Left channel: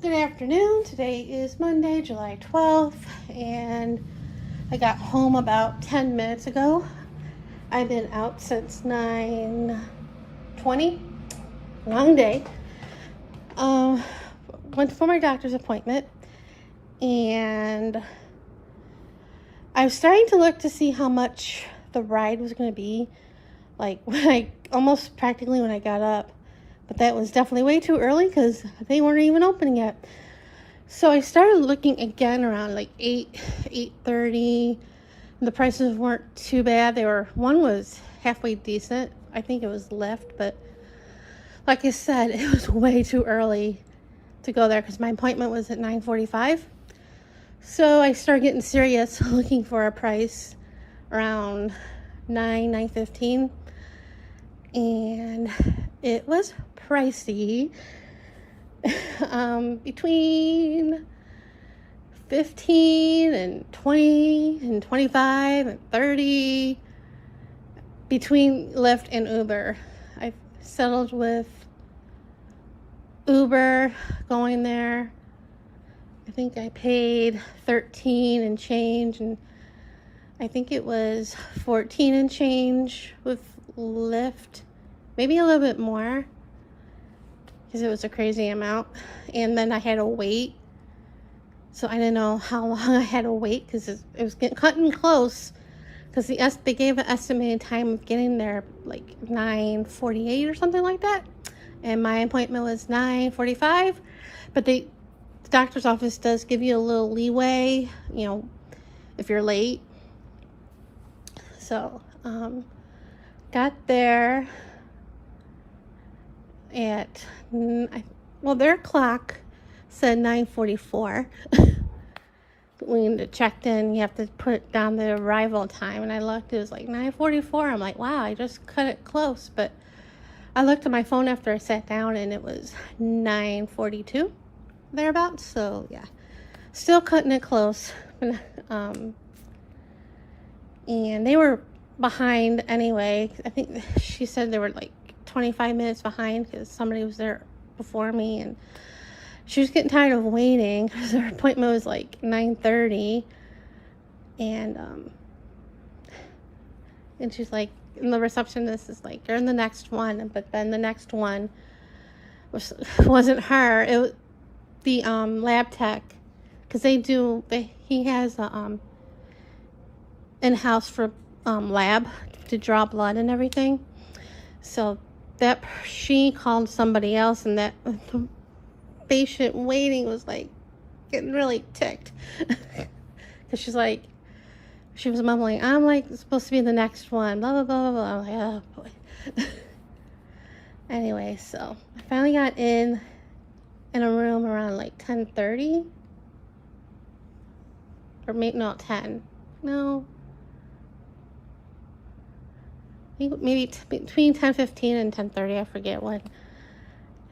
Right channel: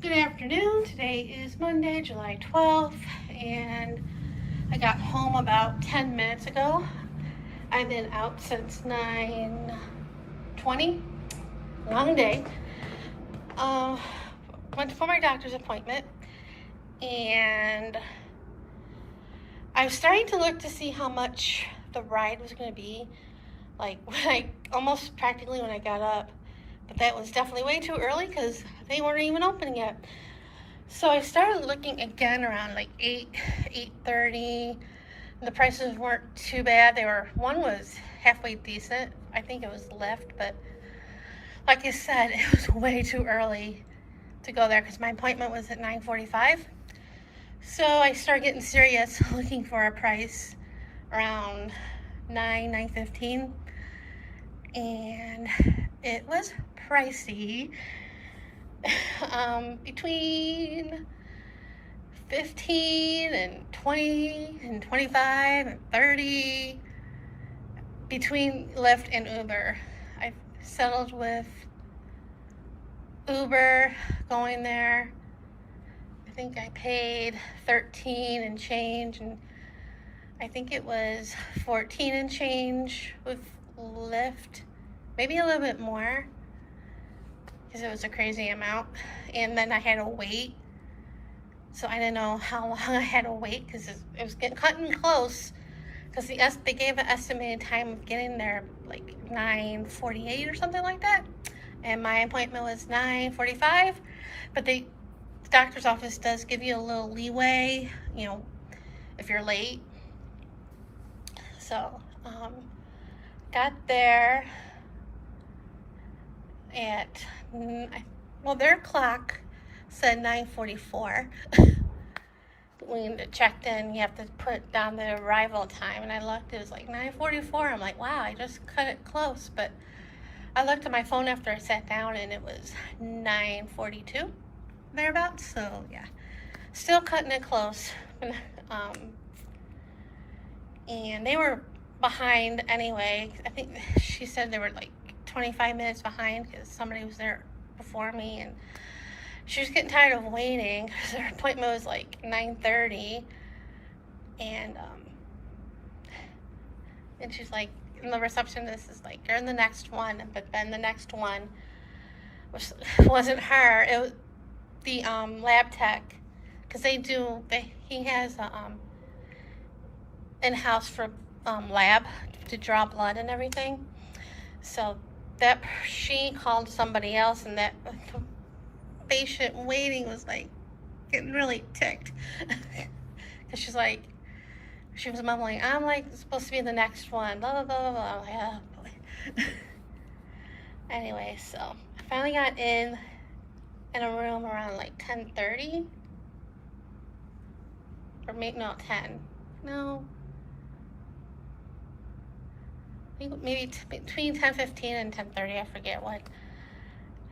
Good afternoon. Today is Monday, July 12th, and I got home about 10 minutes ago. I've been out since 9:20. Long day. Went for my doctor's appointment, and I was starting to look to see how much the ride was going to be, like almost practically when I got up. But that was definitely way too early because they weren't even open yet. So I started looking again around like 8:30. The prices weren't too bad. One was halfway decent. I think it was Lyft, but like I said, it was way too early to go there because my appointment was at 9:45. So I started getting serious looking for a price around 9:15, and it was pricey. Between 15 and 20 and 25 and 30 between Lyft and Uber. I've settled with Uber going there. I think I paid 13 and change, and I think it was 14 and change with Lyft, maybe a little bit more because it was a crazy amount. And then I had to wait, so I didn't know how long I had to wait because it was cutting close, because they gave an estimated time of getting there like 9:48 or something like that, and my appointment was 9:45. But the doctor's office does give you a little leeway, if you're late. So got there at their clock said 9:44. When it checked in, you have to put down the arrival time, and I looked, it was like 9:44. I'm like, wow, I just cut it close. But I looked at my phone after I sat down, and it was 9:42 thereabouts. So yeah, still cutting it close. And they were behind anyway. I think she said they were like 25 minutes behind because somebody was there before me, and she was getting tired of waiting because her appointment was like 9:30, and she's like, and the receptionist is like, you're in the next one. But then the next one wasn't her. It was the lab tech, because he has a in-house for lab to draw blood and everything. So that she called somebody else, and that the patient waiting was like getting really ticked because she was mumbling, I'm like supposed to be the next one, blah blah blah blah. I'm like, oh boy. Anyway, so I finally got in a room around like 10:30, or maybe not 10. No, maybe between 10:15 and 10:30. I forget what.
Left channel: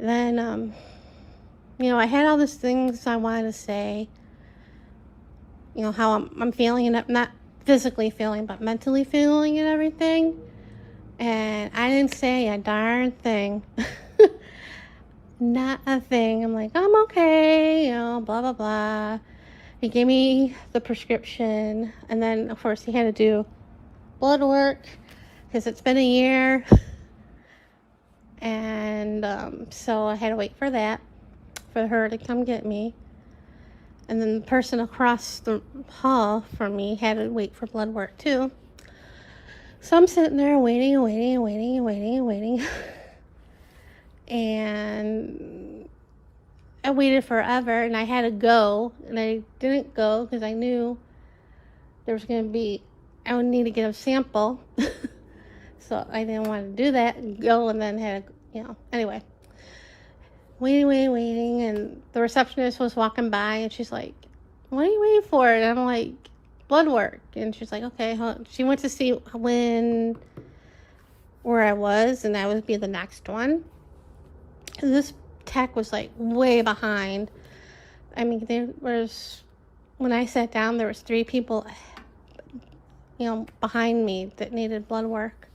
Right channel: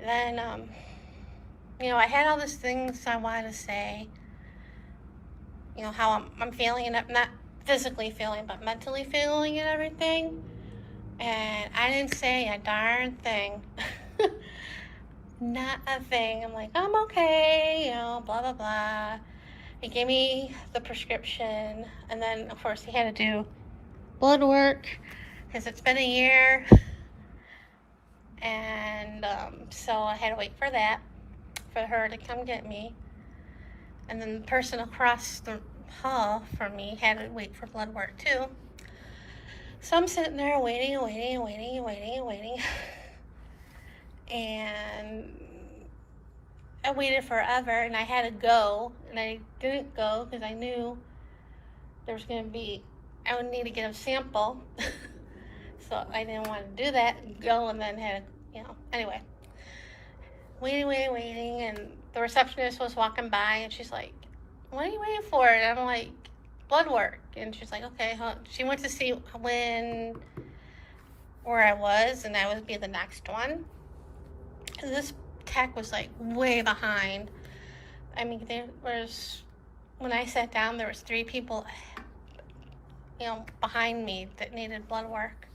And then I had all these things I wanted to say, how I'm feeling, and not physically feeling, but mentally feeling and everything. And I didn't say a darn thing. Not a thing. I'm like, I'm okay, blah, blah, blah. He gave me the prescription, and then, of course, he had to do blood work because it's been a year. And so I had to wait for that, for her to come get me. And then the person across the hall from me had to wait for blood work too. So I'm sitting there waiting and waiting and waiting and waiting and waiting. And I waited forever, and I had to go, and I didn't go because I knew there was going to be, I would need to get a sample. So I didn't want to do that and go, and then had, anyway. Waiting, and the receptionist was walking by, and she's like, what are you waiting for? And I'm like, blood work. And she's like, okay, hold on. She went to see where I was, and I would be the next one. And this tech was like way behind. I mean, when I sat down, there was 3 people, behind me that needed blood work.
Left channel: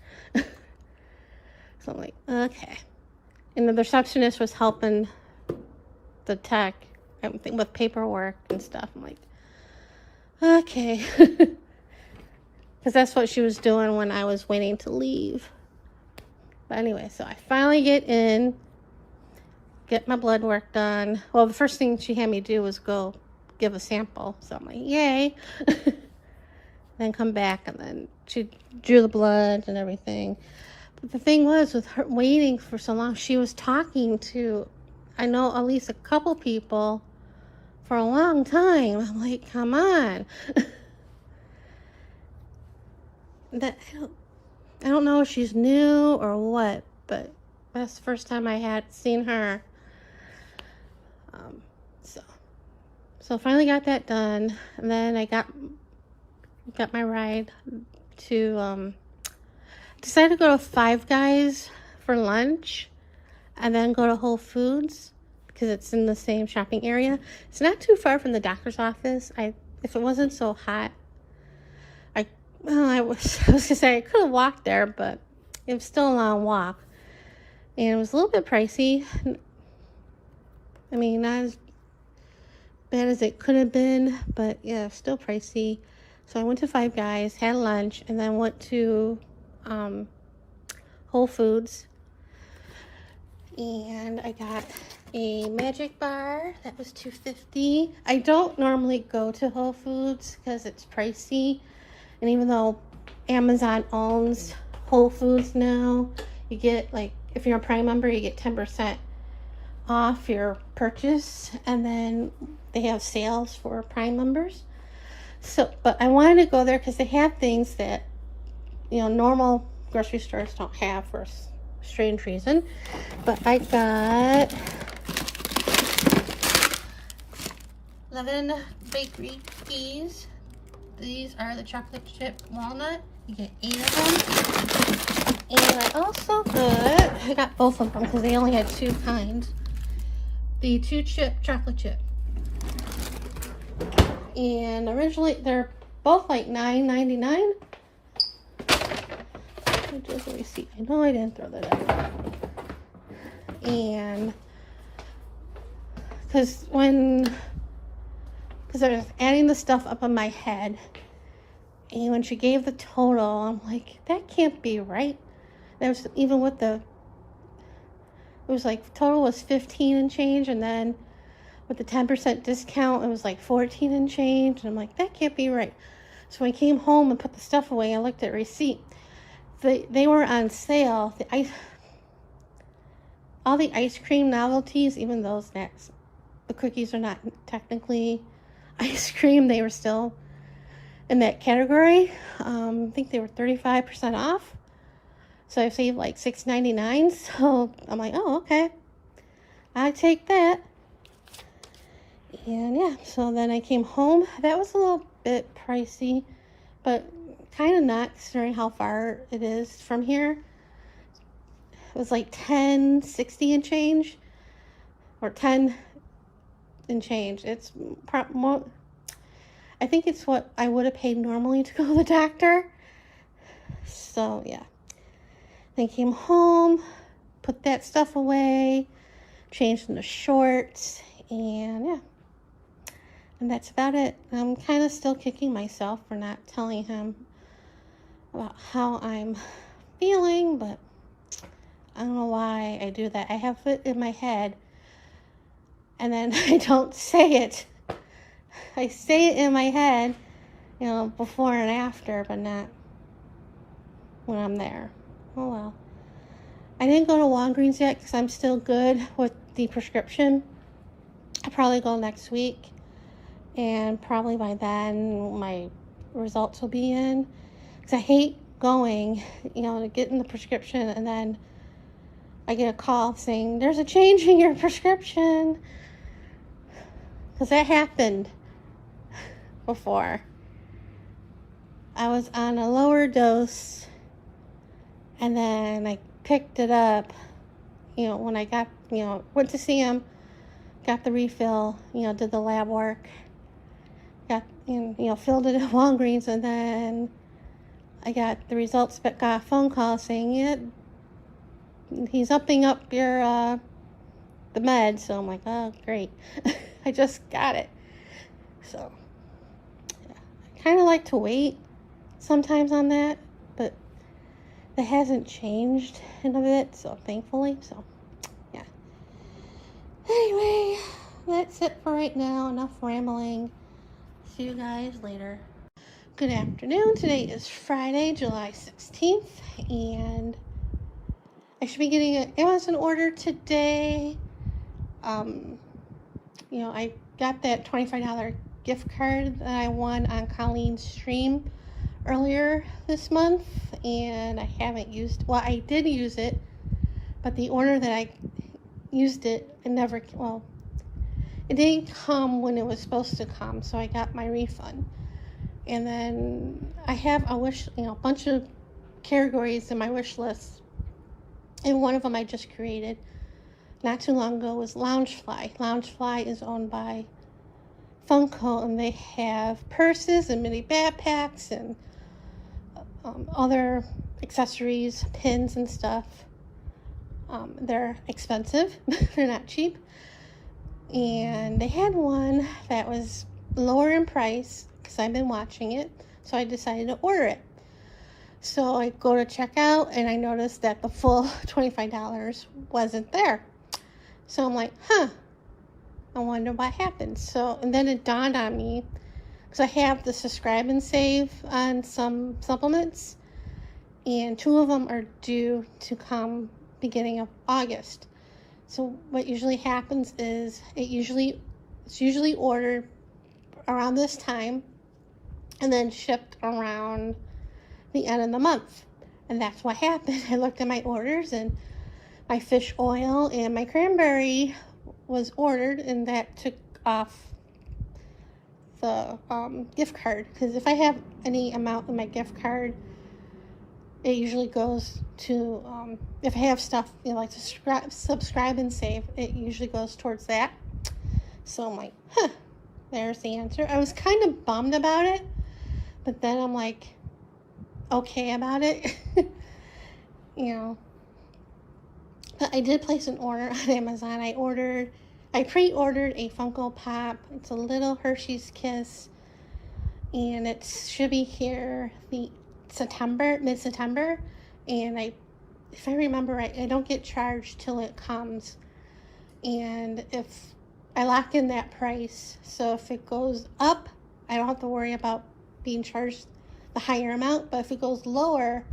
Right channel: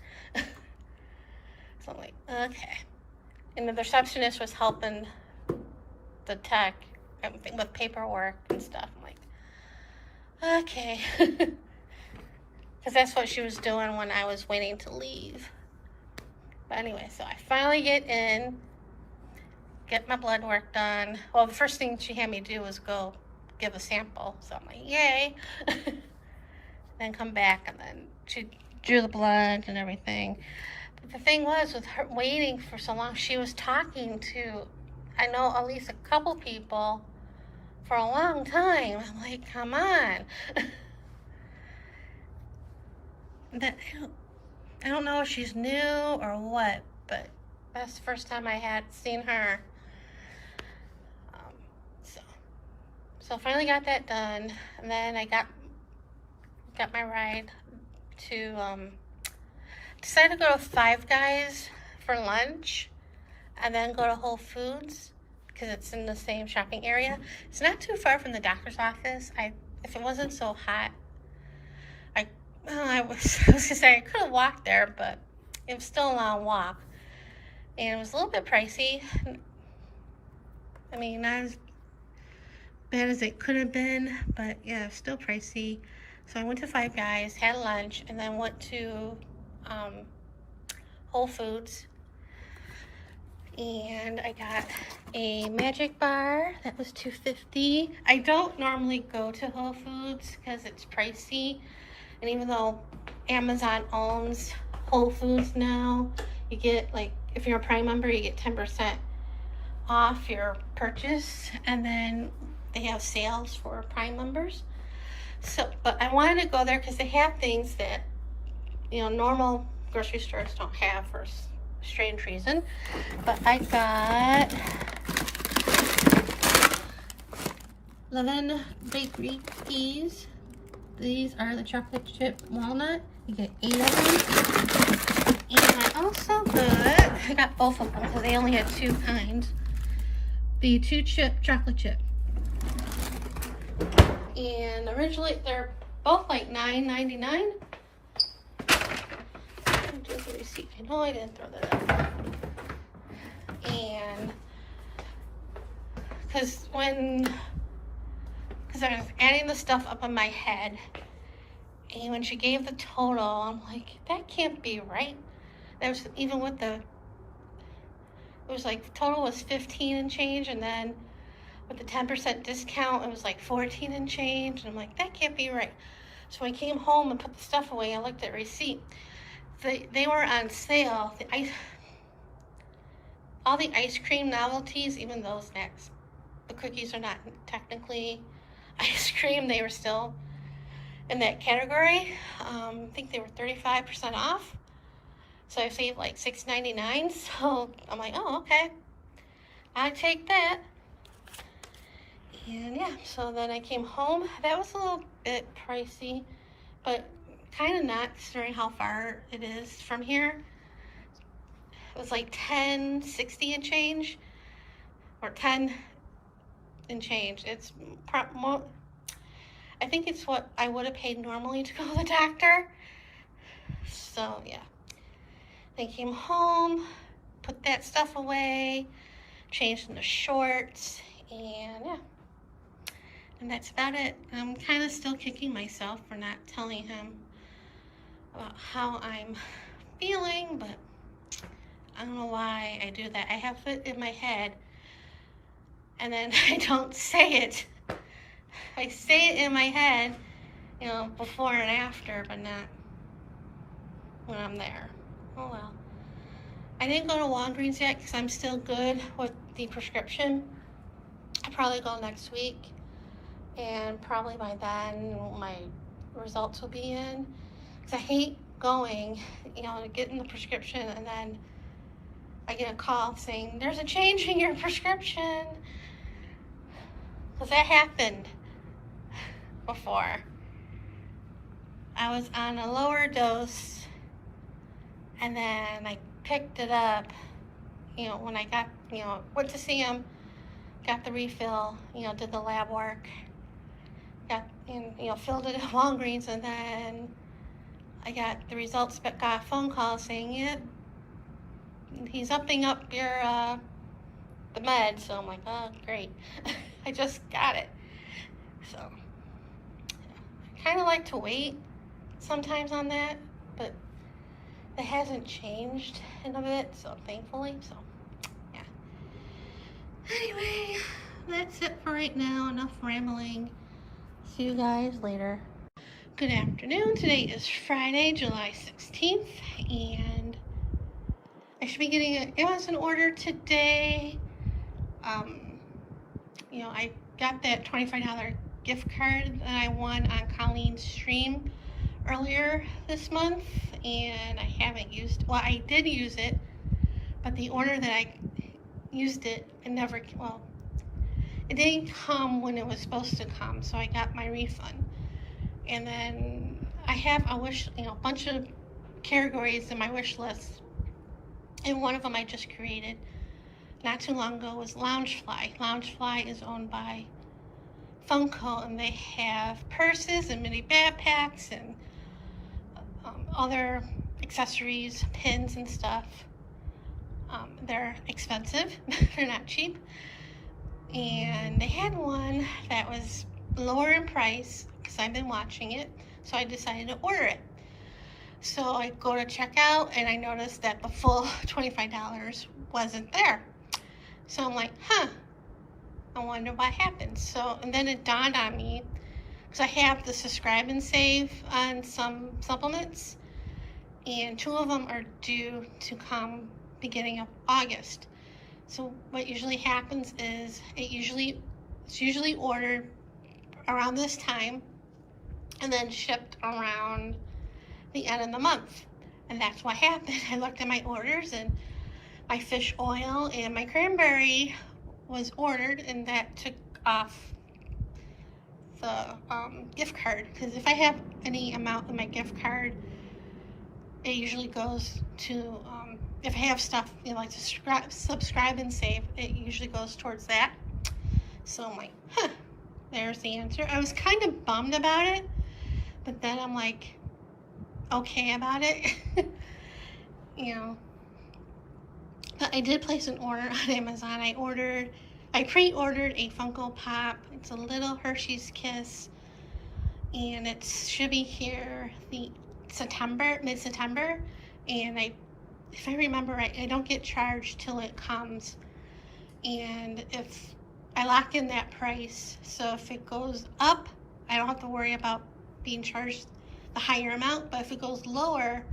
So I'm like, okay. And the receptionist was helping the tech with paperwork and stuff. I'm like, okay. Because that's what she was doing when I was waiting to leave. But anyway, so I finally get in, get my blood work done. Well, the first thing she had me do was go give a sample. So I'm like, yay. Then come back, and then she drew the blood and everything. But the thing was, with her waiting for so long, she was talking to, I know, at least a couple people for a long time. I'm like, come on. I don't know if she's new or what, but that's the first time I had seen her. So finally got that done, and then I got my ride to decided to go to Five Guys for lunch, and then go to Whole Foods because it's in the same shopping area. It's not too far from the doctor's office. If it wasn't so hot, I was gonna say I could have walked there, but it was still a long walk, and it was a little bit pricey. I mean, not as bad as it could have been, but yeah, still pricey. So I went to Five Guys, had lunch, and then went to Whole Foods, and I got a magic bar that was $2.50. I don't normally go to Whole Foods because it's pricey, and even though Amazon owns Whole Foods now, you get, like, if you're a Prime member, you get 10% off your purchase, and then they have sales for Prime members. So, but I wanted to go there because they have things that, you know, normal grocery stores don't have for a strange reason. But I got 11 bakery cookies. These are the chocolate chip walnut. You get 8 of them. And I also got, I got both of them because they only had 2 kinds. The 2-chip chocolate chip. And originally they're both like $9.99. Let me see. I know I didn't throw that out. And because I was adding the stuff up in my head, and when she gave the total, I'm like, that can't be right. There's even with it was like total was 15 and change, and then with the 10% discount, it was like 14 and change. And I'm like, that can't be right. So when I came home and put the stuff away, I looked at receipt. They were on sale. All the ice cream novelties, even those snacks, the cookies are not technically ice cream. They were still in that category. I think they were 35% off. So I saved like $6.99. So I'm like, oh, okay. I take that. And yeah, so then I came home. That was a little bit pricey, but kind of not considering how far it is from here. It was like $10.60 and change, or 10 and change. It's more, I think it's what I would have paid normally to go to the doctor. So yeah, then came home, put that stuff away, changed into shorts, and yeah. And that's about it. I'm kind of still kicking myself for not telling him about how I'm feeling, but I don't know why I do that. I have it in my head, and then I don't say it. I say it in my head, you know, before and after, but not when I'm there. Oh well. I didn't go to Walgreens yet because I'm still good with the prescription. I'll probably go next week. And probably by then my results will be in, because I hate going, you know, getting the prescription and then I get a call saying there's a change in your prescription, because that happened before. I was on a lower dose, and then I picked it up, you know, when I got, you know, went to see him, got the refill, you know, did the lab work, got, you know, filled it at Walgreens, and then I got the results, but got a phone call saying, yeah, he's upping up your the med, so I'm like, oh, great. I just got it. So, I kind of like to wait sometimes on that, but it hasn't changed in a bit, so thankfully, so, yeah. Anyway, that's it for right now. Enough rambling. See you guys later. Good afternoon. Today is Friday, July 16th, and I should be getting an Amazon order today. I got that $25 gift card that I won on Colleen's stream earlier this month, and I haven't used, well, I did use it, but the order that I used it didn't come when it was supposed to come, so I got my refund. And then I have a bunch of categories in my wish list, and one of them I just created not too long ago was Loungefly. Loungefly is owned by Funko, and they have purses and mini backpacks and other accessories, pins and stuff. They're expensive. They're not cheap. And they had one that was lower in price because I've been watching it, so I decided to order it. So I go to checkout and I noticed that the full $25 wasn't there. So I'm like, I wonder what happened. So, and then it dawned on me, because I have the subscribe and save on some supplements, and 2 of them are due to come beginning of August. So what usually happens is it's usually ordered around this time and then shipped around the end of the month. And that's what happened. I looked at my orders, and my fish oil and my cranberry was ordered, and that took off the gift card, because if I have any amount in my gift card, it usually goes to if I have stuff like to subscribe and save, it usually goes towards that. So I'm like, there's the answer. I was kind of bummed about it, but then I'm like okay about it. But I did place an order on Amazon. I pre-ordered a Funko Pop. It's a little Hershey's Kiss, and it should be here mid-September. And if I remember right, I don't get charged till it comes. And if I lock in that price, so if it goes up, I don't have to worry about being charged the higher amount. But if it goes lower,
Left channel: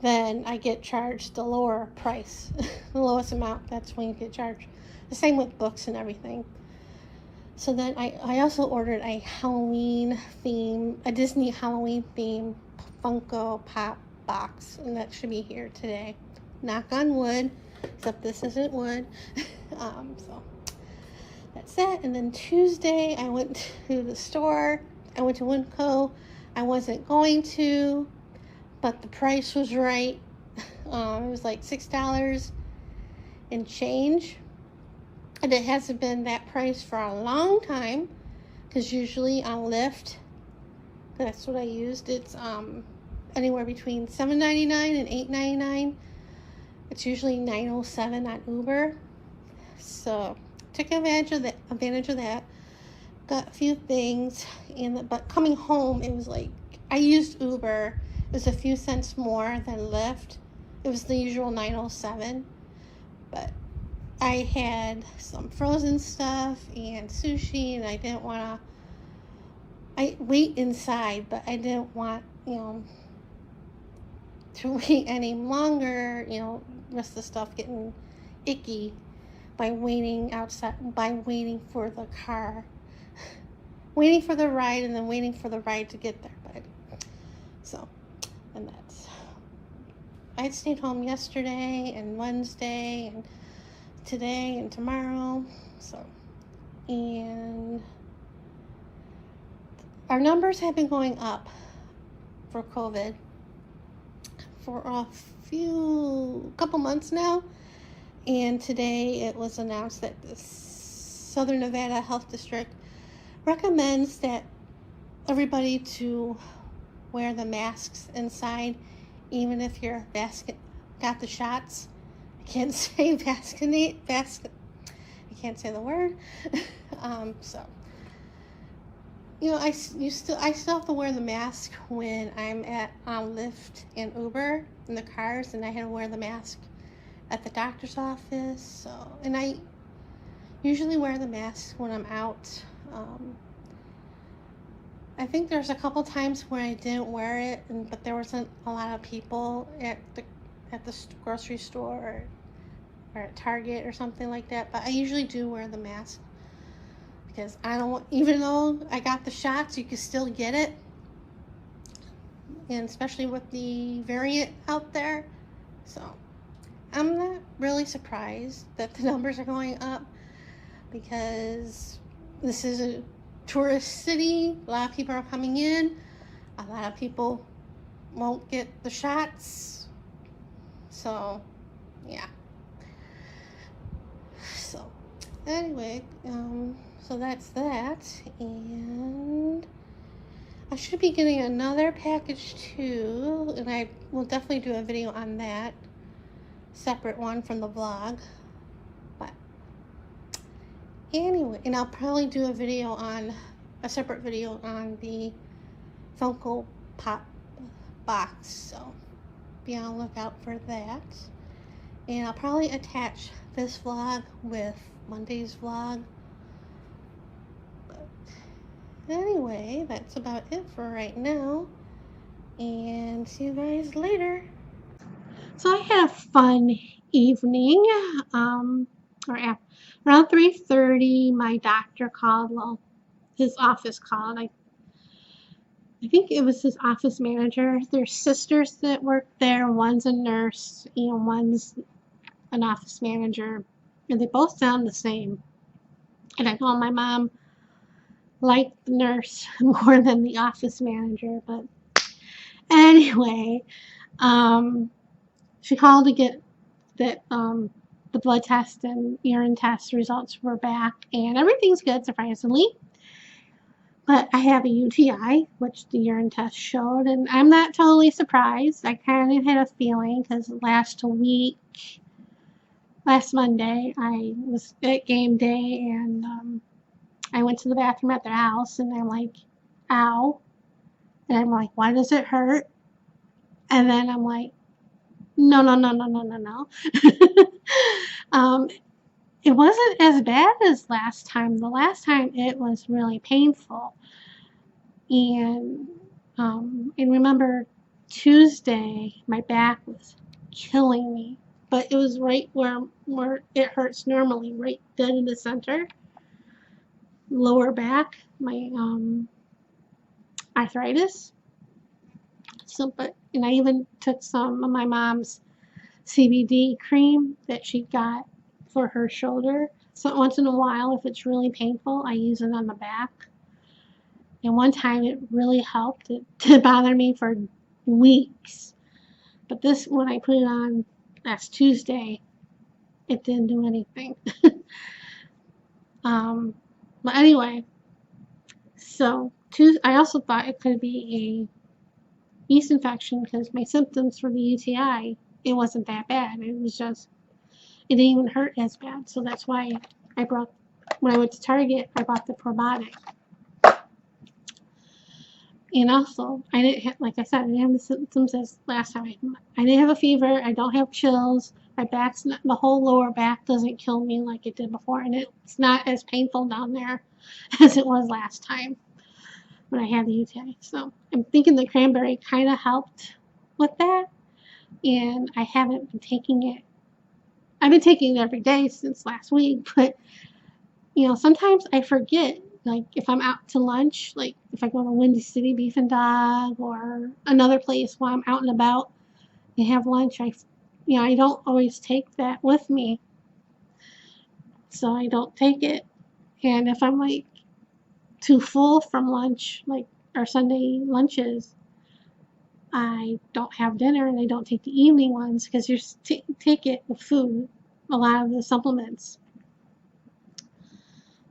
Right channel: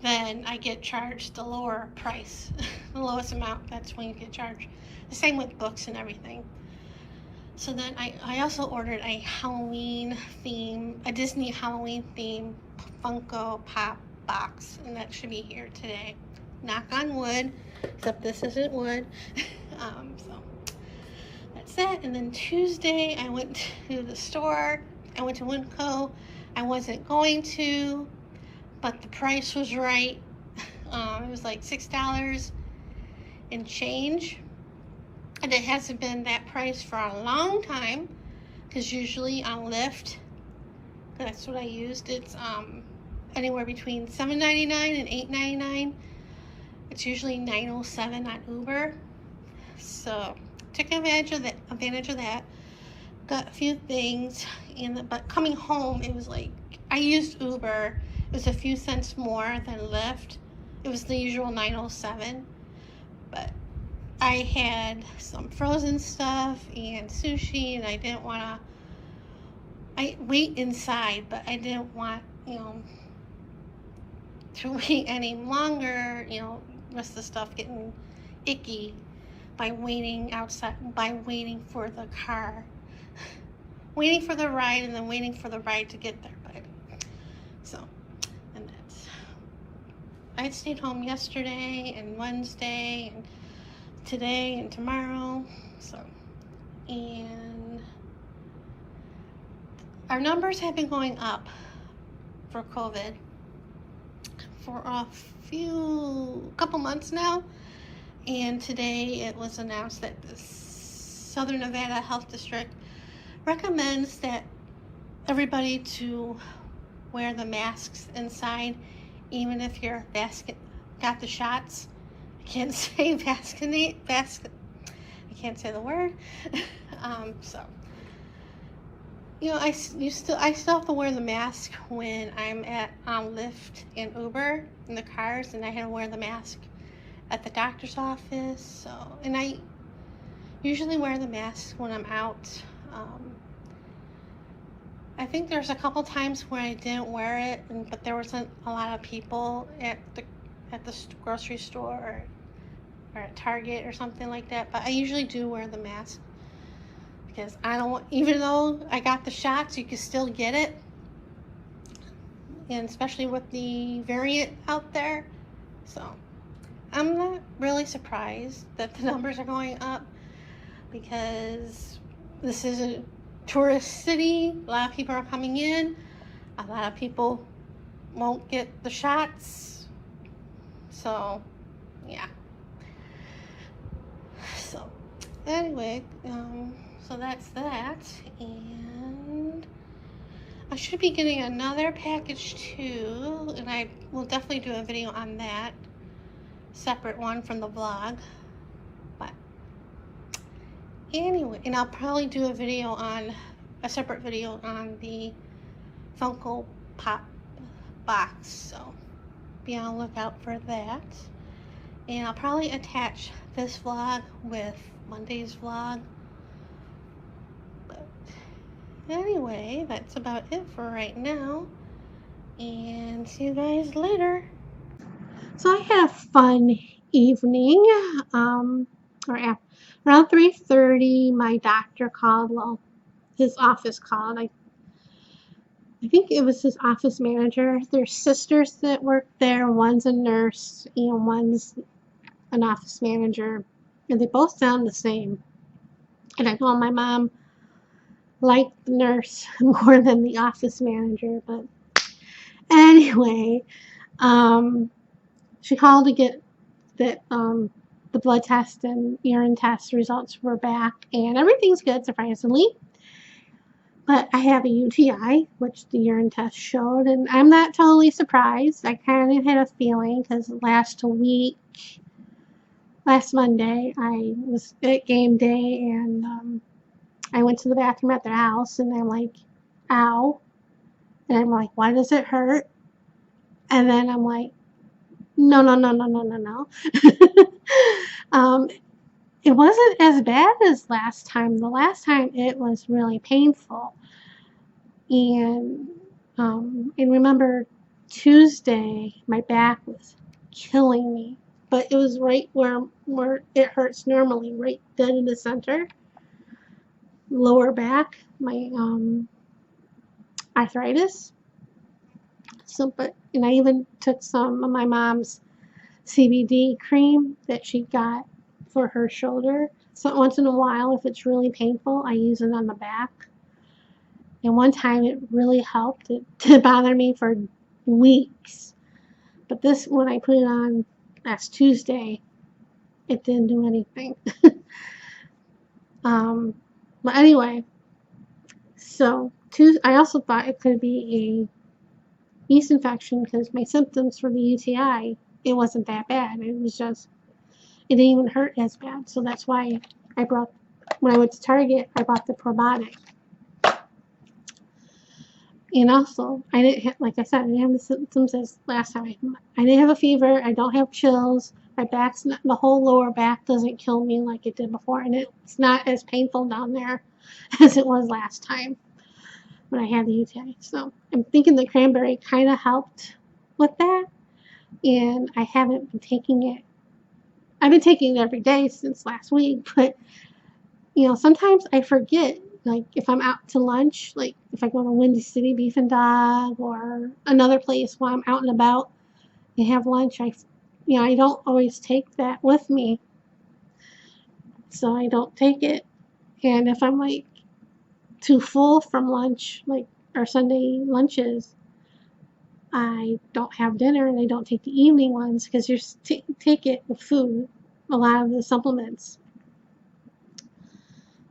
then I get charged the lower price, the lowest amount. That's when you get charged. The same with books and everything. So then I also ordered a Disney Halloween theme Funko Pop box, and that should be here today. Knock on wood, except this isn't wood. So that's that. And then Tuesday I went to the store. I went to Winco. I wasn't going to, but the price was right. It was like $6 and change. And it hasn't been that price for a long time, because usually on Lyft, that's what I used, it's anywhere between $7.99 and $8.99. It's usually $9.07 on Uber. So took advantage of that. Got a few things, but coming home, it was like, I used Uber. It was a few cents more than Lyft. It was the usual $9.07, but I had some frozen stuff and sushi, and I didn't want to, I wait inside, but I didn't want, to wait any longer, rest of the stuff getting icky by waiting outside, by waiting for the car, waiting for the ride, and then waiting for the ride to get there. But so, and I stayed home yesterday and Wednesday and today and tomorrow. So, and our numbers have been going up for COVID for a couple months now, and today it was announced that the Southern Nevada Health District recommends that everybody to wear the masks inside, even if you're got the shots, I can't say vaccinate, I can't say the word. So, you know, I still have to wear the mask when I'm at Lyft and Uber in the cars, and I had to wear the mask at the doctor's office. So, and I usually wear the mask when I'm out. I think there's a couple times where I didn't wear it, but there wasn't a lot of people at the grocery store or at Target or something like that. But I usually do wear the mask because I don't want, even though I got the shots, you can still get it, and especially with the variant out there. So I'm not really surprised that the numbers are going up because this is a tourist city. A lot of people are coming in. A lot of people won't get the shots. So, yeah. So, anyway, so that's that. And I should be getting another package too. And I will definitely do a video on that. Separate one from the vlog. But anyway, and I'll probably do a separate video on the Funko Pop box, so be on the lookout for that. And I'll probably attach this vlog with Monday's vlog. But anyway, that's about it for right now, and see you guys later. So I had a fun evening. Around 3:30, my doctor called. Well, his office called. I think it was his office manager. There's sisters that work there. One's a nurse, one's an office manager, and they both sound the same. And I know my mom liked the nurse more than the office manager, but anyway, she called to get that the blood test and urine test results were back, and everything's good surprisingly. But I have a UTI, which the urine test showed, and I'm not totally surprised. I kind of had a feeling because last Monday, I was at game day, and I went to the bathroom at their house, and I'm like, ow. And I'm like, why does it hurt? And then I'm like, no, no, no, no, no, no, no. It wasn't as bad as last time. The last time it was really painful. And remember Tuesday, my back was killing me. But it was right where it hurts normally, right dead in the center. Lower back, my arthritis. And I even took some of my mom's CBD cream that she got for her shoulder. So once in a while, if it's really painful, I use it on the back. And one time it really helped. It did bother me for weeks. But when I put it on last Tuesday, it didn't do anything. But anyway, so I also thought it could be a yeast infection because my symptoms for the UTI, it wasn't that bad. It was just, it didn't even hurt as bad. So that's why when I went to Target, I bought the probiotic. And also, I didn't have, like I said, I didn't have the symptoms as last time. I didn't have a fever. I don't have chills. My back's not, the whole lower back doesn't kill me like it did before. And it's not as painful down there as it was last time when I had the UTI. So I'm thinking the cranberry kind of helped with that. And I haven't been taking it. I've been taking it every day since last week. But, sometimes I forget. Like if I'm out to lunch, like if I go to Windy City Beef and Dog or another place while I'm out and about and have lunch, I don't always take that with me. So I don't take it. And if I'm like too full from lunch, like our Sunday lunches, I don't have dinner and I don't take the evening ones because you take it with food, a lot of the supplements.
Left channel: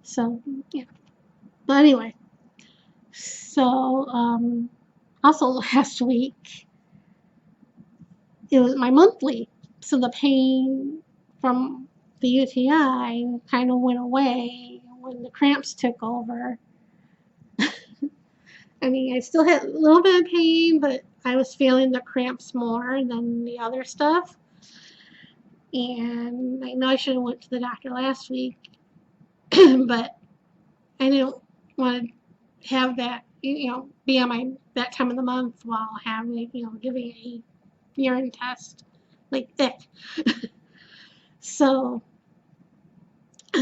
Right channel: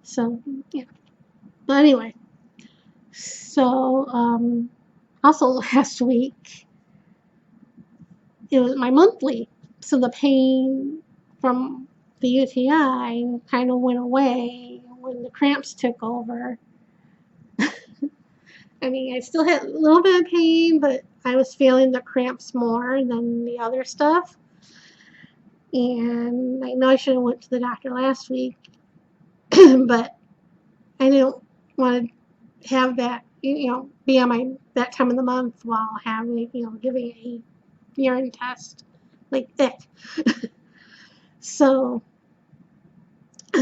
So, yeah. But anyway, so also last week, it was my monthly. So the pain from the UTI kind of went away when the cramps took over. I mean, I still had a little bit of pain, but I was feeling the cramps more than the other stuff. And I know I should have went to the doctor last week, but I didn't want to have that, be on my that time of the month while having, giving a urine test. Like, ick. So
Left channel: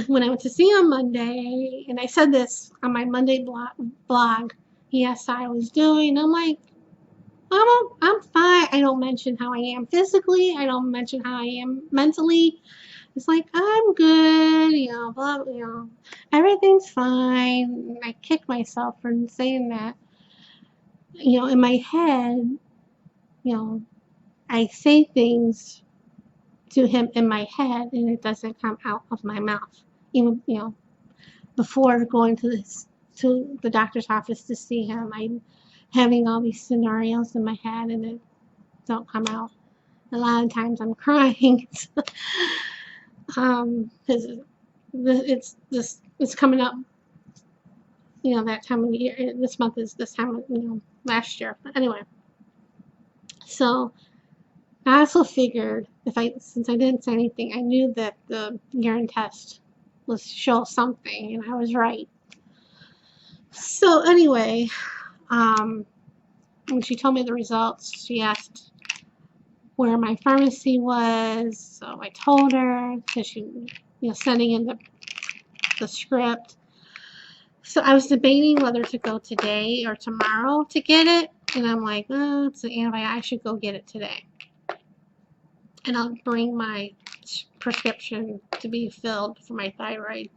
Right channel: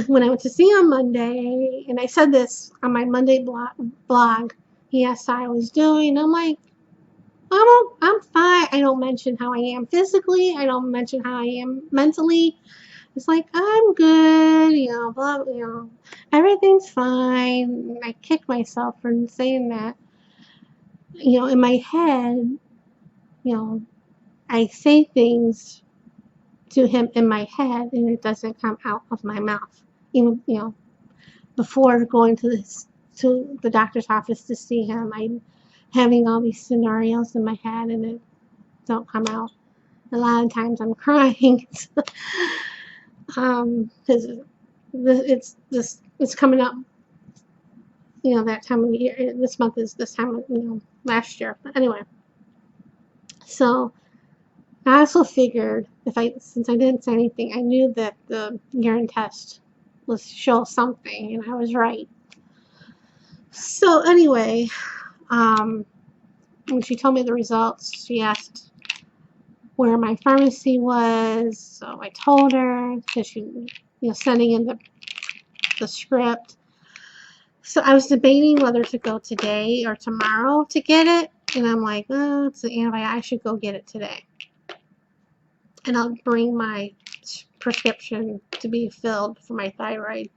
when I went to see him Monday, and I said this on my Monday blog, he asked how I was doing. I'm like, I'm fine. I don't mention how I am physically. I don't mention how I am mentally. It's like, I'm good, blah, everything's fine. I kick myself for saying that. In my head, I say things to him in my head and it doesn't come out of my mouth. Even, before going to the doctor's office to see him, I'm having all these scenarios in my head and it don't come out. A lot of times I'm crying because it's coming up. That time of year. This month is this time of last year. But anyway, so I also figured since I didn't say anything, I knew that the urine test was show something, and I was right. So anyway, when she told me the results, she asked where my pharmacy was. So I told her because she, sending in the script. So I was debating whether to go today or tomorrow to get it, and I'm like, oh, it's an antibiotic. I should go get it today, and I'll bring my prescription to be filled for my thyroid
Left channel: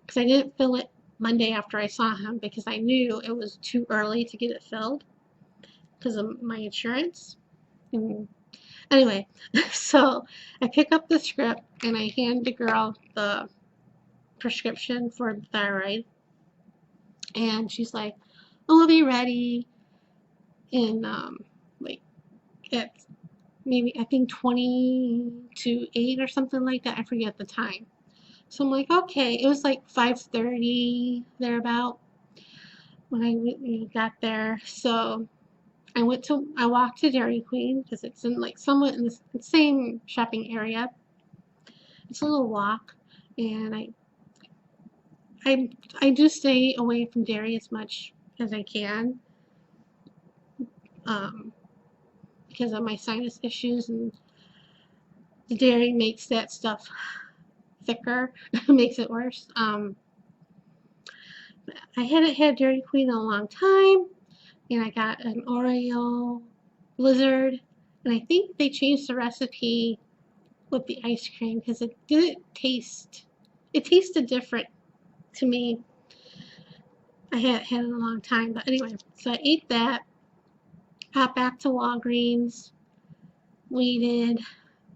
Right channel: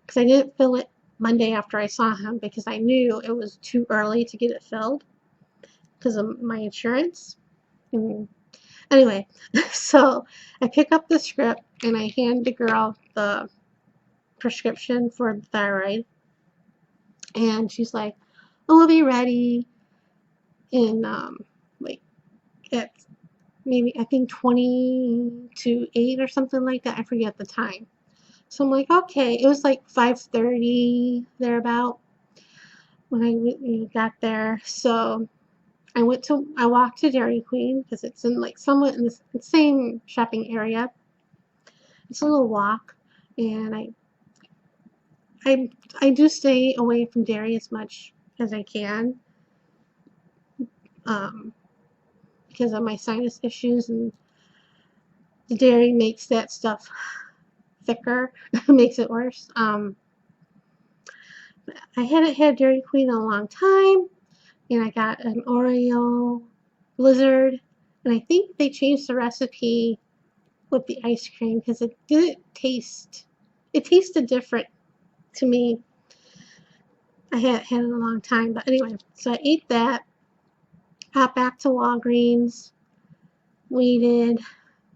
because I didn't fill it Monday after I saw him because I knew it was too early to get it filled because of my insurance. And anyway, so I pick up the script and I hand the girl the prescription for the thyroid, and she's like, "Oh, we'll be ready in like at maybe I think 20 to 8 or something like that. I forget the time." So I'm like, okay. It was like 5:30 thereabout when I got there. So I walked to Dairy Queen because it's in like somewhat in the same shopping area. It's a little walk, and I do stay away from dairy as much as I can because of my sinus issues, and the dairy makes that stuff thicker, makes it worse. I hadn't had Dairy Queen in a long time, and I got an Oreo Blizzard, and I think they changed the recipe with the ice cream because it tasted different to me. I hadn't had it in a long time, but anyway, so I ate that, got back to Walgreens, waited.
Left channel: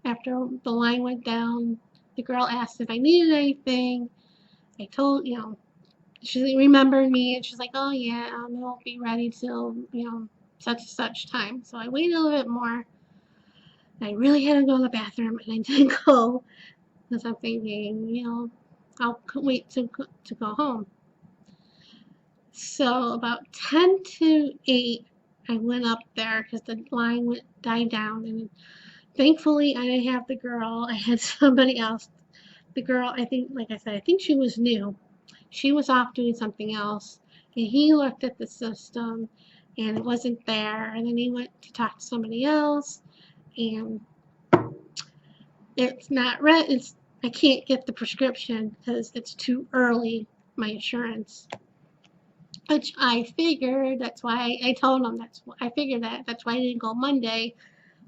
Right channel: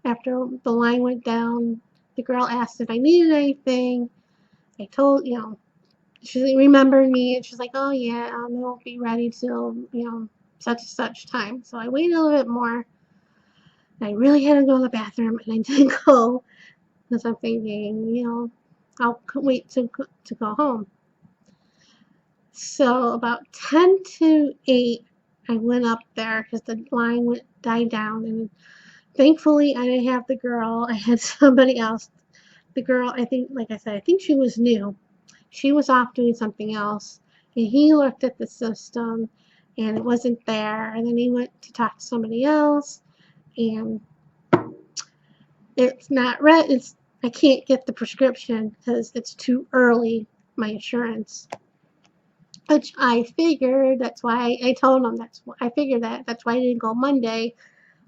After the line went down, the girl asked if I needed anything. I told, she remembered me, and she's like, oh yeah, it won't be ready till, such and such time. So I waited a little bit more. I really had to go to the bathroom, and I didn't go because I'm thinking, I'll wait to go home. So about 10 to 8, I went up there because the line died down, and thankfully I didn't have the girl. I had somebody else. The girl, I think, like I said, I think she was new. She was off doing something else, and he looked at the system, and it wasn't there. And then he went to talk to somebody else, and it's not read. I can't get the prescription because it's too early. My insurance, which I figured. That's why I told him. I figured that. That's why I didn't go Monday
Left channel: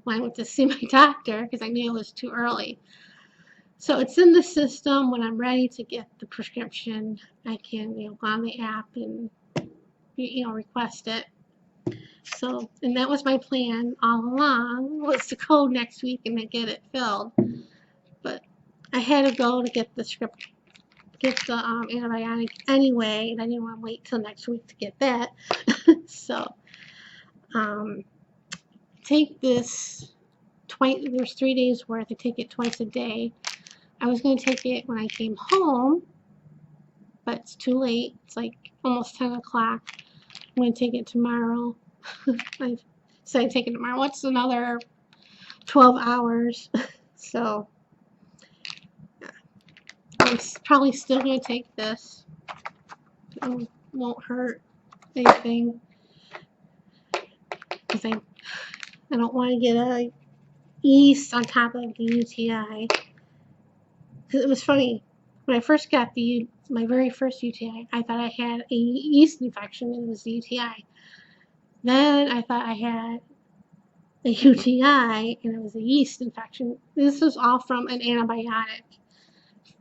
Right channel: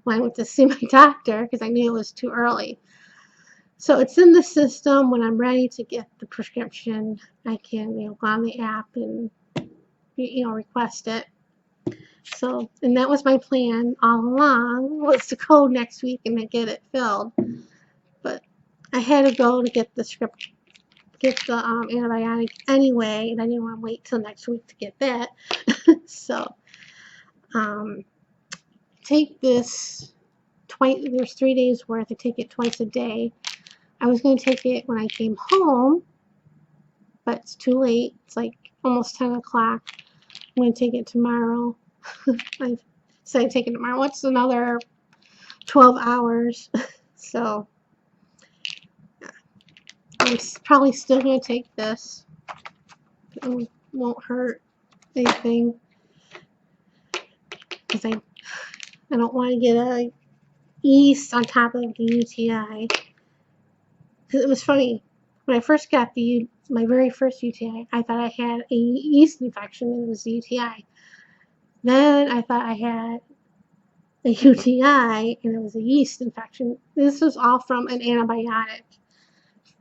when I went to see my doctor because I knew it was too early. So it's in the system. When I'm ready to get the prescription, I can go on the app and request it. So, and that was my plan all along, was to go next week and then get it filled. But I had to go to get the script, get the antibiotic anyway, and I didn't want to wait till next week to get that. So, take this twice. There's 3 days worth. I take it twice a day. I was going to take it when I came home, but it's too late. It's like almost 10 o'clock. I'm going to take it tomorrow. I said I'd take it tomorrow. It's another 12 hours. So I'm probably still going to take this. It won't hurt anything. Because I don't want to get a yeast on top of the UTI. Because it was funny. When I first got my very first UTI, I thought I had a yeast infection and it was the UTI. Then I thought I had a UTI and it was a yeast infection. This was all from an antibiotic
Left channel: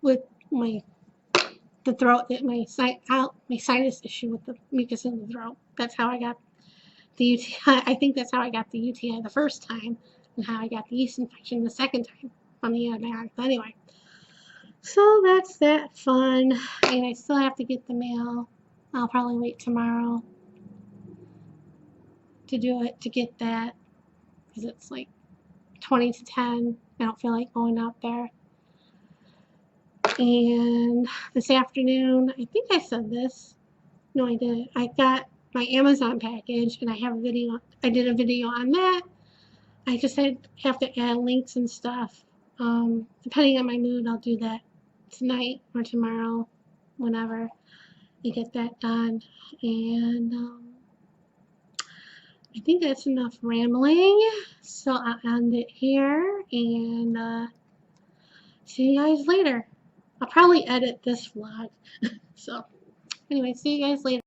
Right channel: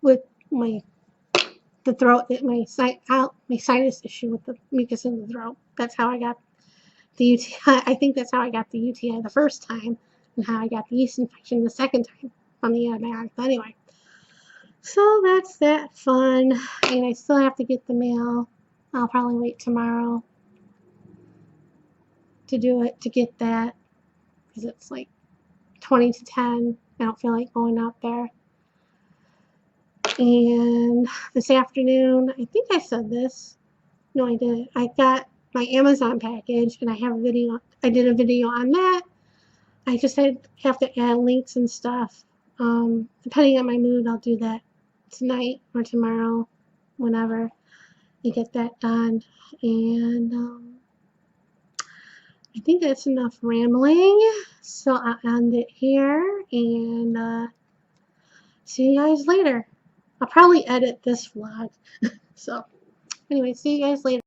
with the throat, my sinus issue with the mucus in the throat. That's how I got the UTI. I think that's how I got the UTI the first time, and how I got the yeast infection the second time from the antibiotic. But anyway, so that's that fun. And I still have to get the mail. I'll probably wait tomorrow to do it, to get that, because it's like 20 to 10. I don't feel like going out there. And this afternoon, I think I said this. No, I didn't. I got my Amazon package, and I have a video. I did a video on that. I just have to add links and stuff. Depending on my mood, I'll do that tonight or tomorrow, whenever I get that done. And I think that's enough rambling. So I'll end it here, and see you guys later. I'll probably edit this vlog. So anyway, see you guys later.